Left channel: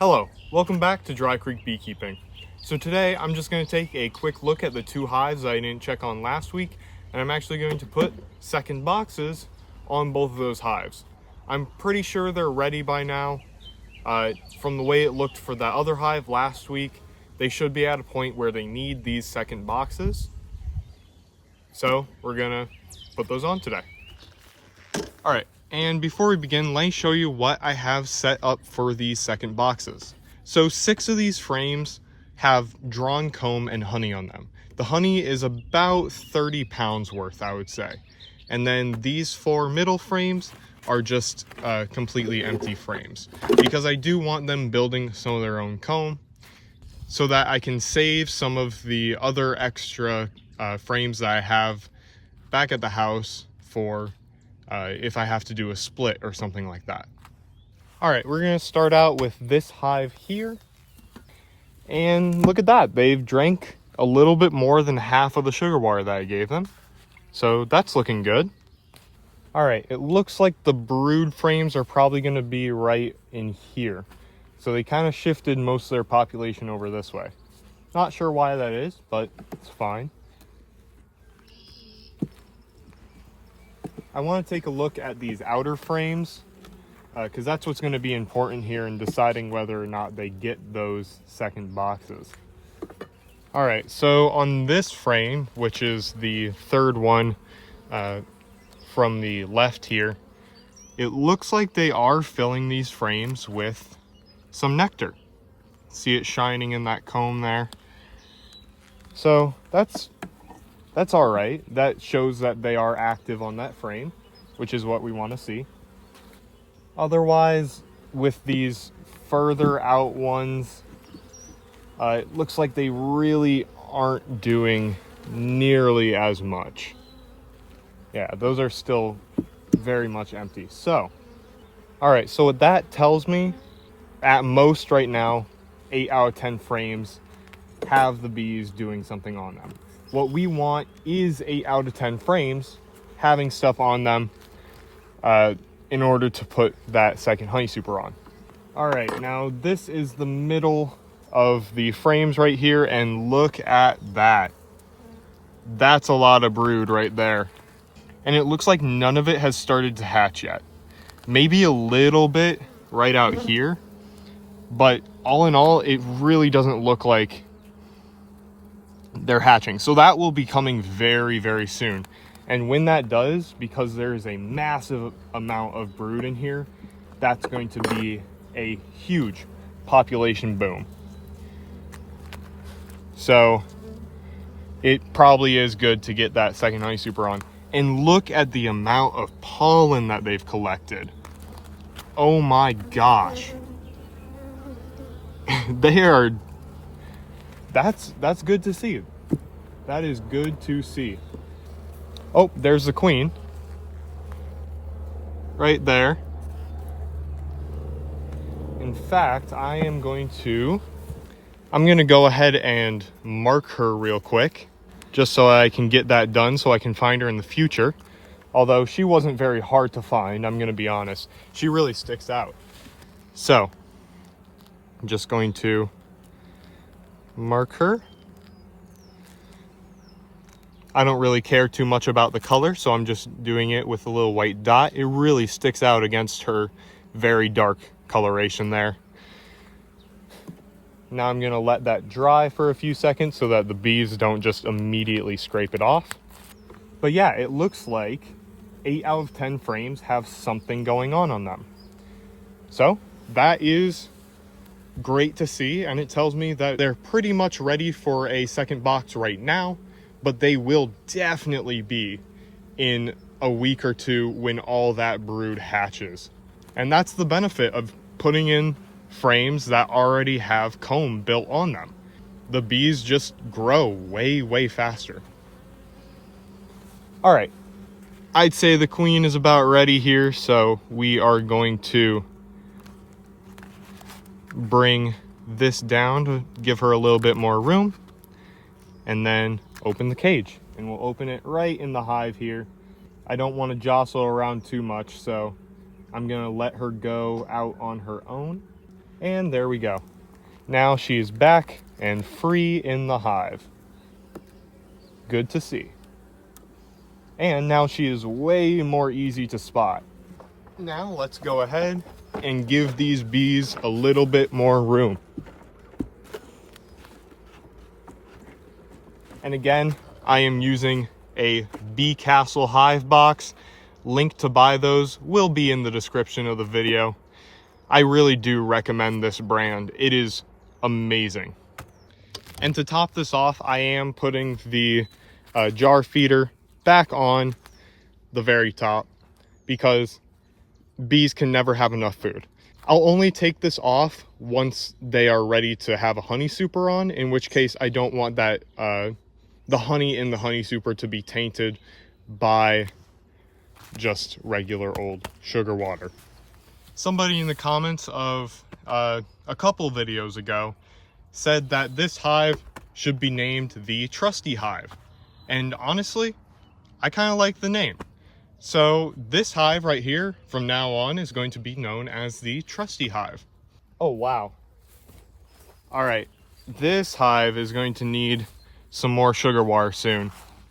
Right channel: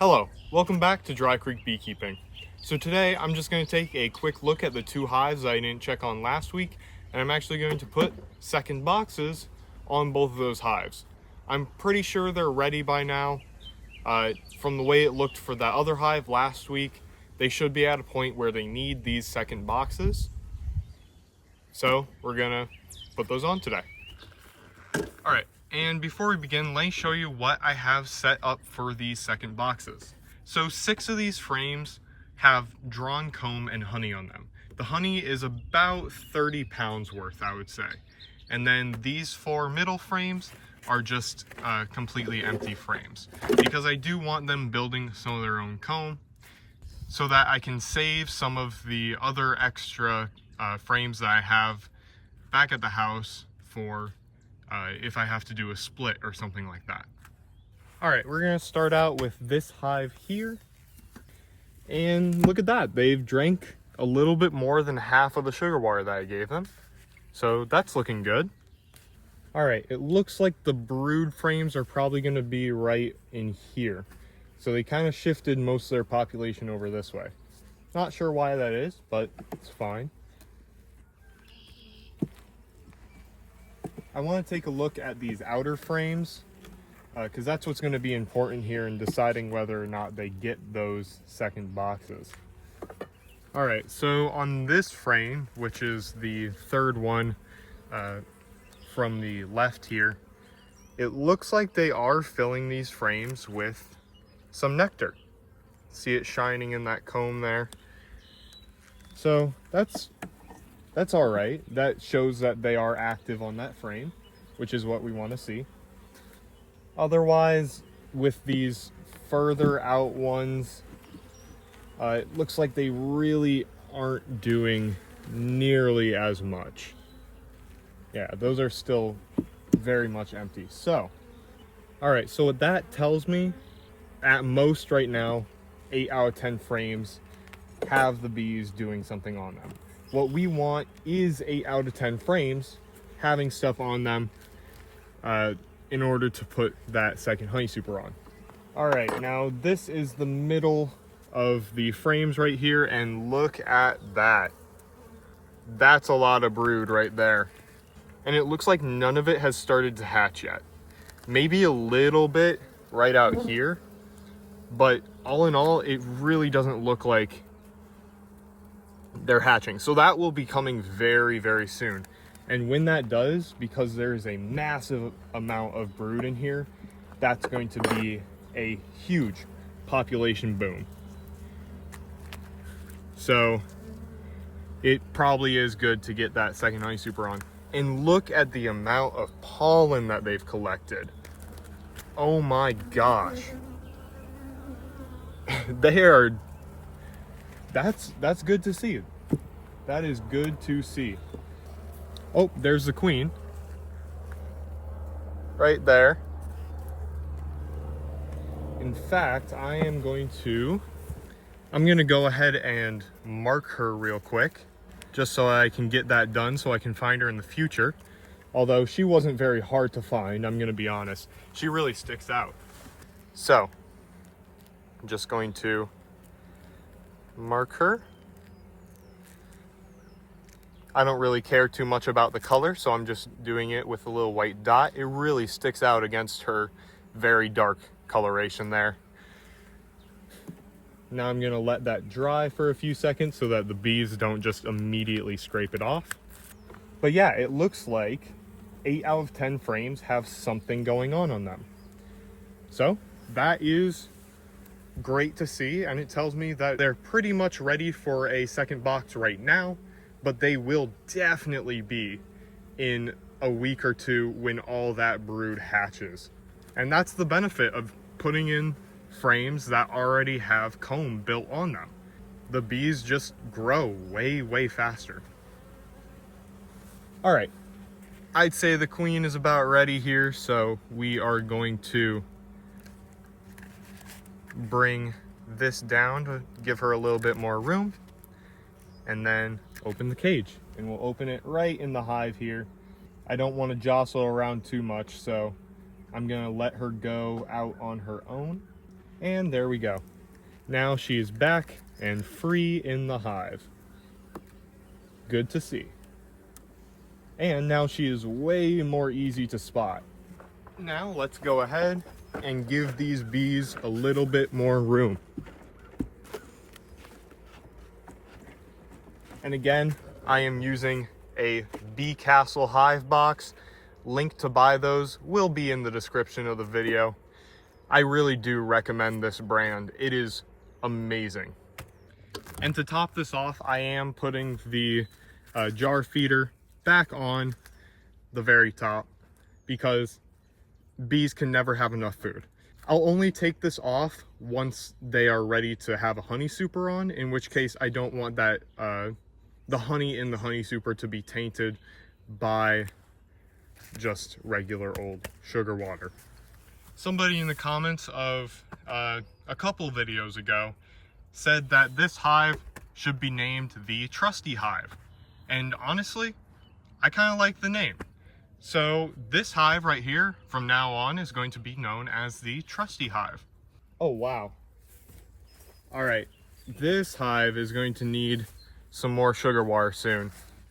Hello, welcome back to Dry Creek Beekeeping. So today I'm just going to take a quick look at the two hives I didn't check on last week, and I'm actually going to put second boxes on both of those hives. I'm pretty sure they're ready by now. From the way it looked for that other hive last week, they should be at a point where they need these second boxes. So we're gonna put those on today. All right, and before we begin, let me show you what I have set up for these second boxes. So 6 of these frames have drawn comb and honey on them. The honey is about 30 pounds worth, I would say. And then these 4 middle frames are just completely empty frames, because I do want them building some of their own comb so that I can save some of the other extra frames that I have back at the house for if I have to do a split or something like that. All right, we're gonna start out with this hive here. And look at that, they've drank a little bit more than half of the sugar water that I gave them. So that's looking good. All right, it looks like the brood frames are probably gonna be right in here. So they kind of shifted most of their population over this way. Not sure why that is, but it's fine. I want to take a look at these outer frames because that's what's going to be important here in deciding whether or not they get those second boxes. All right, so on this frame, which is the third one from the left here, it looks like they are filling these frames with some nectar. See it shining in that comb there. So that's all right. That shows that they are active on that frame, which is what we want to see. Otherwise, with these further out ones, it looks like they really aren't doing nearly as much. Yeah, those are still very much empty. So, all right, so what that tells me, at most right now, 8 out of 10 frames have the bees doing something on them. What we want is 8 out of 10 frames having stuff on them in order to put that second honey super on. All right, now this is the middle of the frames right here, and look at that. That's a lot of brood right there. And it looks like none of it has started to hatch yet. Maybe a little bit right out here, but all in all, it really doesn't look like they're hatching. So that will be coming very, very soon. And when that does, because there is a massive amount of brood in here, that's going to be a huge population boom. So it probably is good to get that second honey super on. And look at the amount of pollen that they've collected. Oh my gosh. They are, that's good to see. That is good to see. Oh, there's the queen. Right there. In fact, I'm going to go ahead and mark her real quick, just so I can get that done so I can find her in the future. Although she wasn't very hard to find, I'm gonna be honest. She really sticks out. So, I'm just going to mark her. I don't really care too much about the color, so I'm just doing it with a little white dot. It really sticks out against her very dark coloration there. Now I'm gonna let that dry for a few seconds so that the bees don't just immediately scrape it off. But yeah, it looks like 8 out of 10 frames have something going on them. So that is great to see, and it tells me that they're pretty much ready for a second box right now, but they will definitely be in a week or two when all that brood hatches. And that's the benefit of putting in frames that already have comb built on them. The bees just grow way, way faster. All right, I'd say the queen is about ready here, so we are going to bring this down to give her a little bit more room, and then open the cage. And we'll open it right in the hive here. I don't want to jostle around too much, so I'm gonna let her go out on her own. And there we go. Now she's back and free in the hive. Good to see. And now she is way more easy to spot. Now let's go ahead and give these bees a little bit more room. And again, I am using a Bee Castle hive box. Link to buy those will be in the description of the video. I really do recommend this brand. It is amazing. And to top this off, I am putting the jar feeder back on the very top because bees can never have enough food. I'll only take this off once they are ready to have a honey super on, in which case I don't want that the honey in the honey super to be tainted by just regular old sugar water. Somebody in the comments of a couple videos ago said that this hive should be named the Trusty Hive. And honestly, I kind of like the name. So this hive right here from now on is going to be known as the Trusty Hive. Oh, wow. All right, this hive is going to need some more sugar water soon.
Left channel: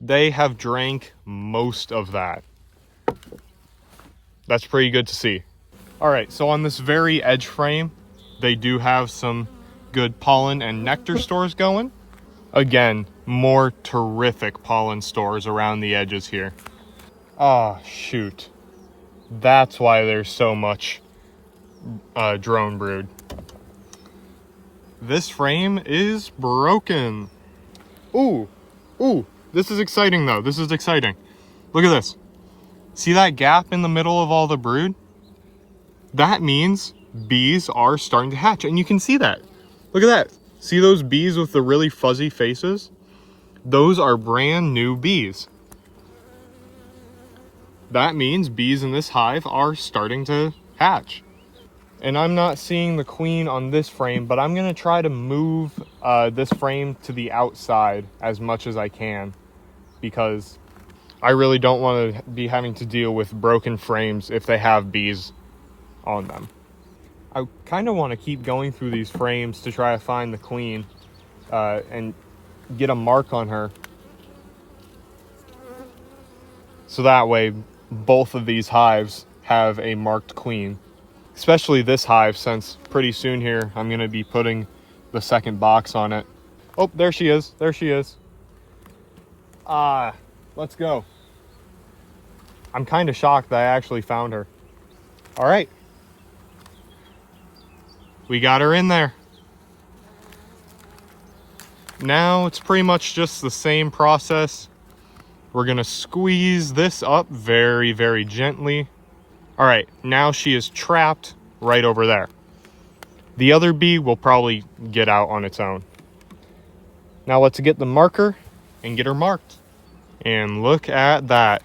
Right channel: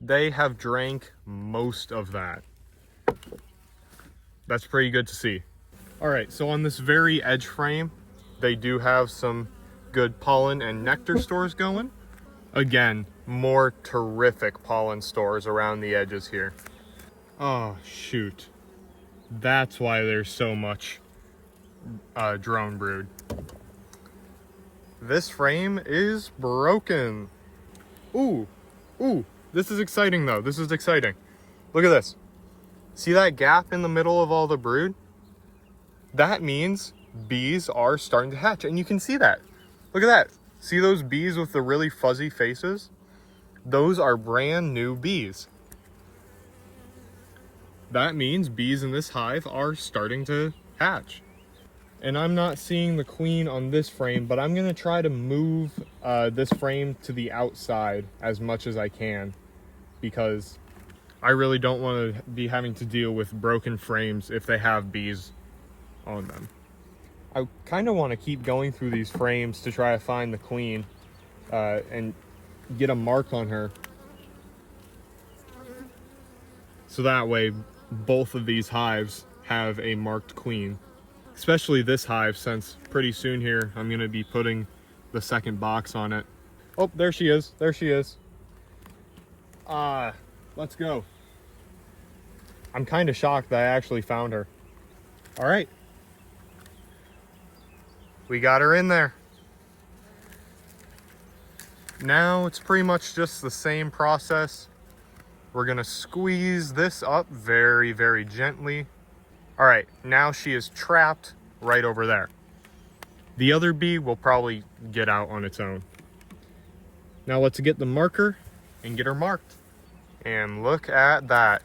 They have drank most of that. That's pretty good to see. All right, so on this very edge frame, they do have some good pollen and nectar stores going. Again, more terrific pollen stores around the edges here. Ah, shoot. That's why there's so much drone brood. This frame is broken. Ooh, this is exciting though. This is exciting. Look at this. See that gap in the middle of all the brood? That means bees are starting to hatch, and you can see that. Look at that. See those bees with the really fuzzy faces? Those are brand new bees. That means bees in this hive are starting to hatch. And I'm not seeing the queen on this frame, but I'm gonna try to move this frame to the outside as much as I can, because I really don't want to be having to deal with broken frames if they have bees on them. I kind of want to keep going through these frames to try to find the queen and get a mark on her. So that way both of these hives have a marked queen. Especially this hive, since pretty soon here I'm going to be putting the second box on it. Oh, there she is. There she is. Let's go. I'm kind of shocked that I actually found her. All right. We got her in there. Now it's pretty much just the same process. We're gonna squeeze this up very, very gently. All right, now she is trapped right over there. The other bee will probably get out on its own. Now let's get the marker and get her marked. And look at that.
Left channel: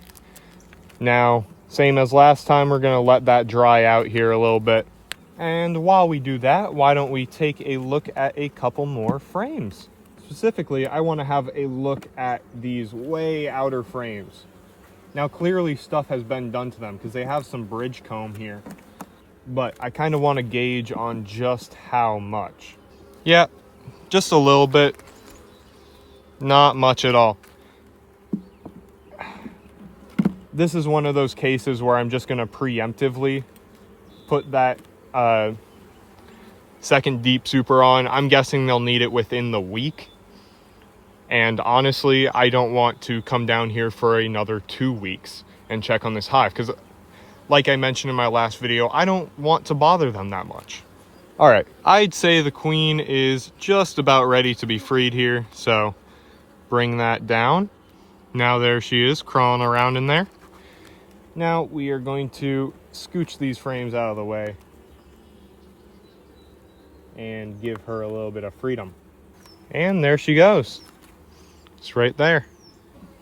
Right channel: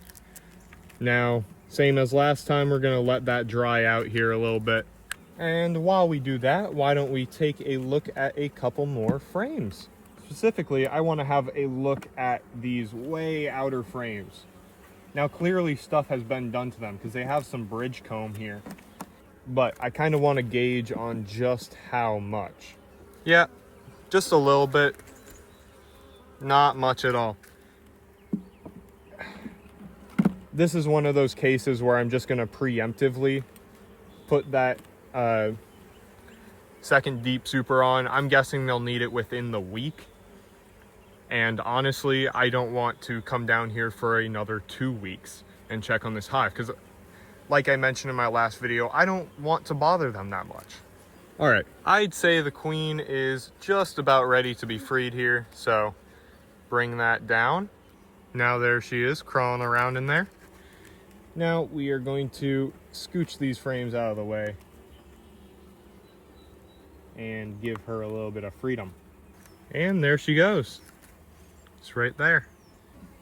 Now, same as last time, we're gonna let that dry out here a little bit. And while we do that, why don't we take a look at a couple more frames? Specifically, I want to have a look at these way outer frames. Now, clearly stuff has been done to them because they have some bridge comb here. But I kind of want to gauge on just how much. Yeah, just a little bit. Not much at all. This is one of those cases where I'm just going to preemptively put that second deep super on. I'm guessing they'll need it within the week. And honestly, I don't want to come down here for another 2 weeks and check on this hive, because like I mentioned in my last video, I don't want to bother them that much. All right, I'd say the queen is just about ready to be freed here, so bring that down. Now there she is, crawling around in there. Now we are going to scooch these frames out of the way and give her a little bit of freedom. And there she goes. It's right there.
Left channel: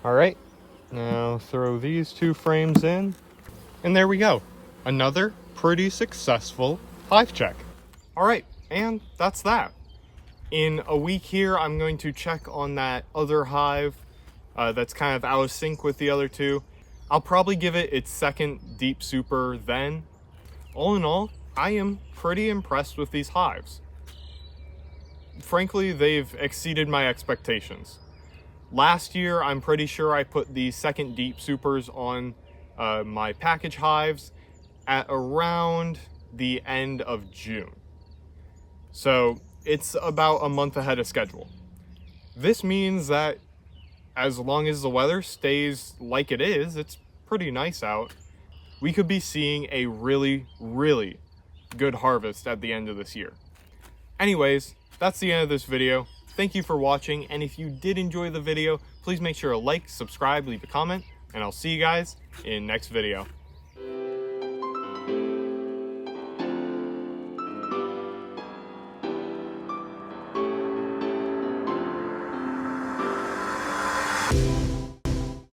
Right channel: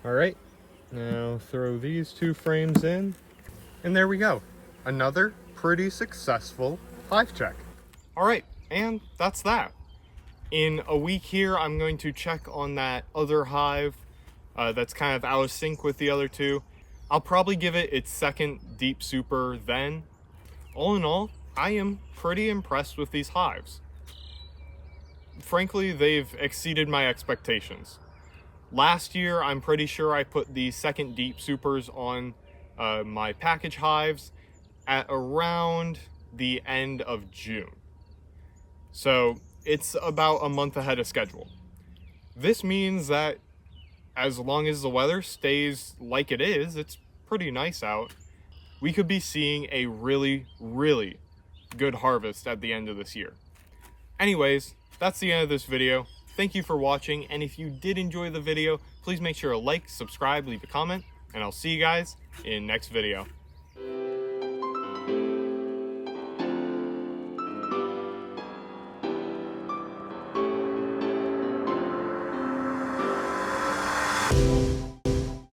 All right, now throw these 2 frames in, and there we go. Another pretty successful hive check. All right, and that's that. In a week here, I'm going to check on that other hive that's kind of out of sync with the other 2. I'll probably give it its second deep super then. All in all, I am pretty impressed with these hives. Frankly, they've exceeded my expectations. Last year, I'm pretty sure I put the second deep supers on my package hives at around the end of June. So it's about a month ahead of schedule. This means that as long as the weather stays like it is, it's pretty nice out, we could be seeing a really, really good harvest at the end of this year. Anyways, that's the end of this video. Thank you for watching, and if you did enjoy the video, please make sure to like, subscribe, leave a comment, and I'll see you guys in next video.